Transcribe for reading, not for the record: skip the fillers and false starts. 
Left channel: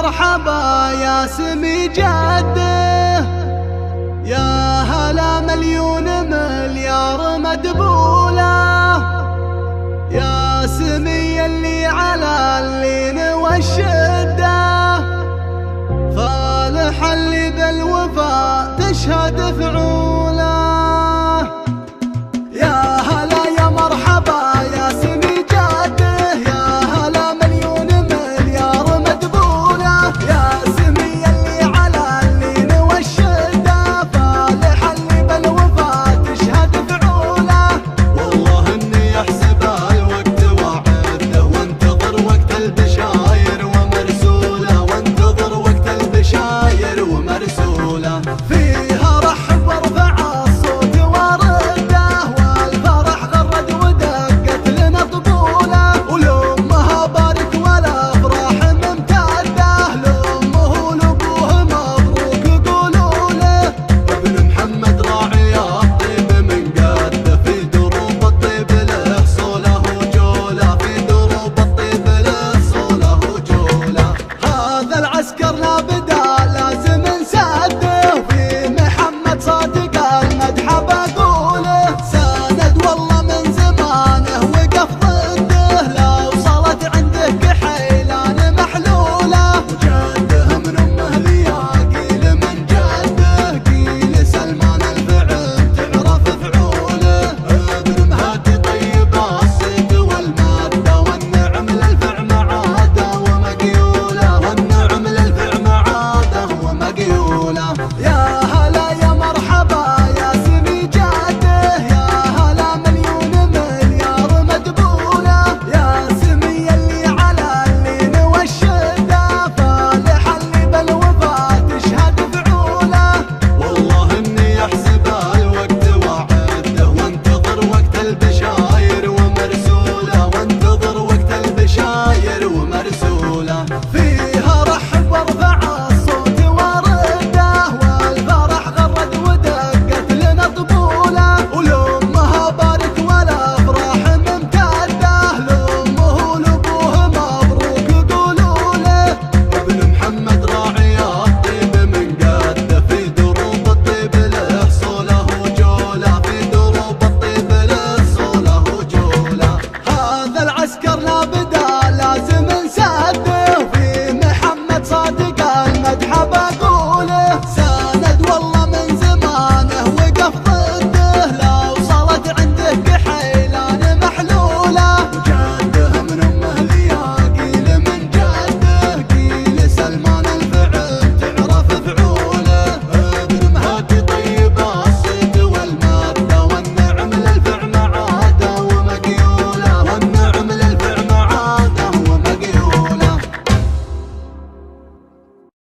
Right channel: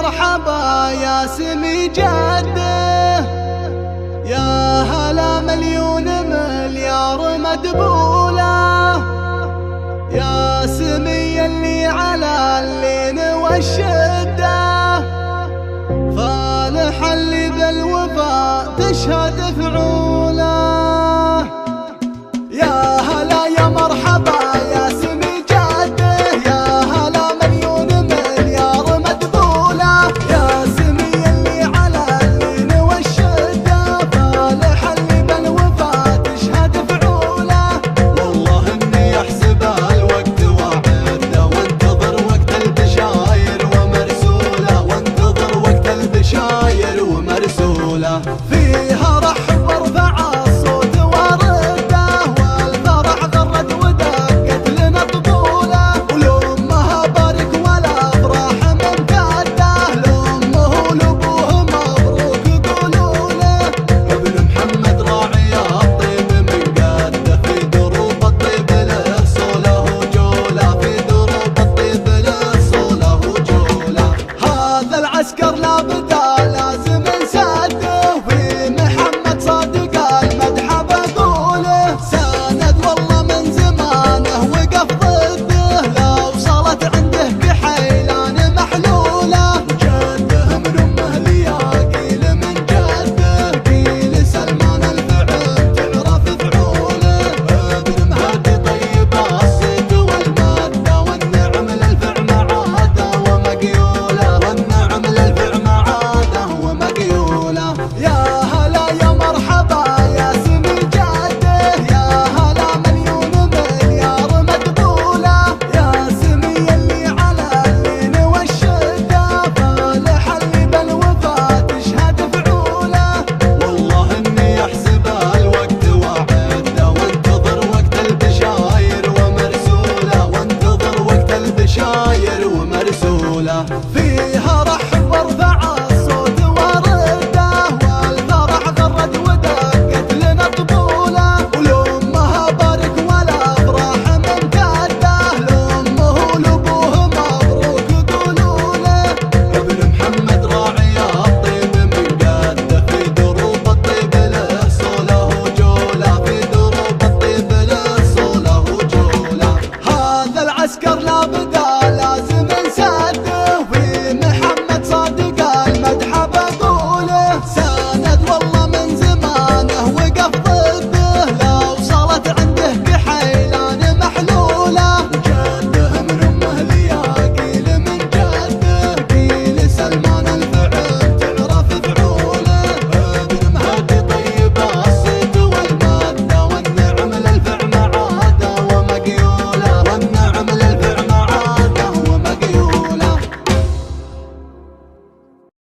مرحبا يا سمي جده، يا هلا مليون مليار مدبولة، يا سمي اللي على اللين والشدة، فالح اللي بالوفا تشهد فعوله. يا هلا يا مرحبا يا سمي جده، يا هلا مليون مليار مدبولة، يا سمي اللي على اللين والشدة، فالح اللي بالوفا تشهد فعوله. والله اني احسبها الوقت وعده، وانتظر وقت البشاير ومرسوله، وانتظر وقت البشاير ومرسوله. فيها رحب ورفع الصوت ورده، والفرح غرد ودقت لنا طبوله، ولامها بارك والافراح ممتده، لامه ولابوه مبروك قولوا له. ابن محمد راعي الطيب من قده، في دروب الطيب له صوله وجوله، في دروب الطيب له صوله وجوله. هذا العسكر لا بدا لازم نسده، وفي محمد صادق المدح بقوله، ساند والله من زمانه وقف ضده، لو صارت عنده كحيلان محلوله، وجده من امه لياقيل من جده، قيل سلمان الفعل تعرف فعوله. ابن مهدي طيب الصيد والماده، والنعم للفع معاده ومقيوله، والنعم للفع معاده ومقيوله. يا هلا يا مرحبا يا سمي جده، يا هلا مليون مليار مدبولة، يا سمي اللي على اللين والشدة، فالح اللي بالوفا تشهد فعوله. والله اني احسبها الوقت وعده، وانتظر وقت البشاير ومرسوله، وانتظر وقت البشاير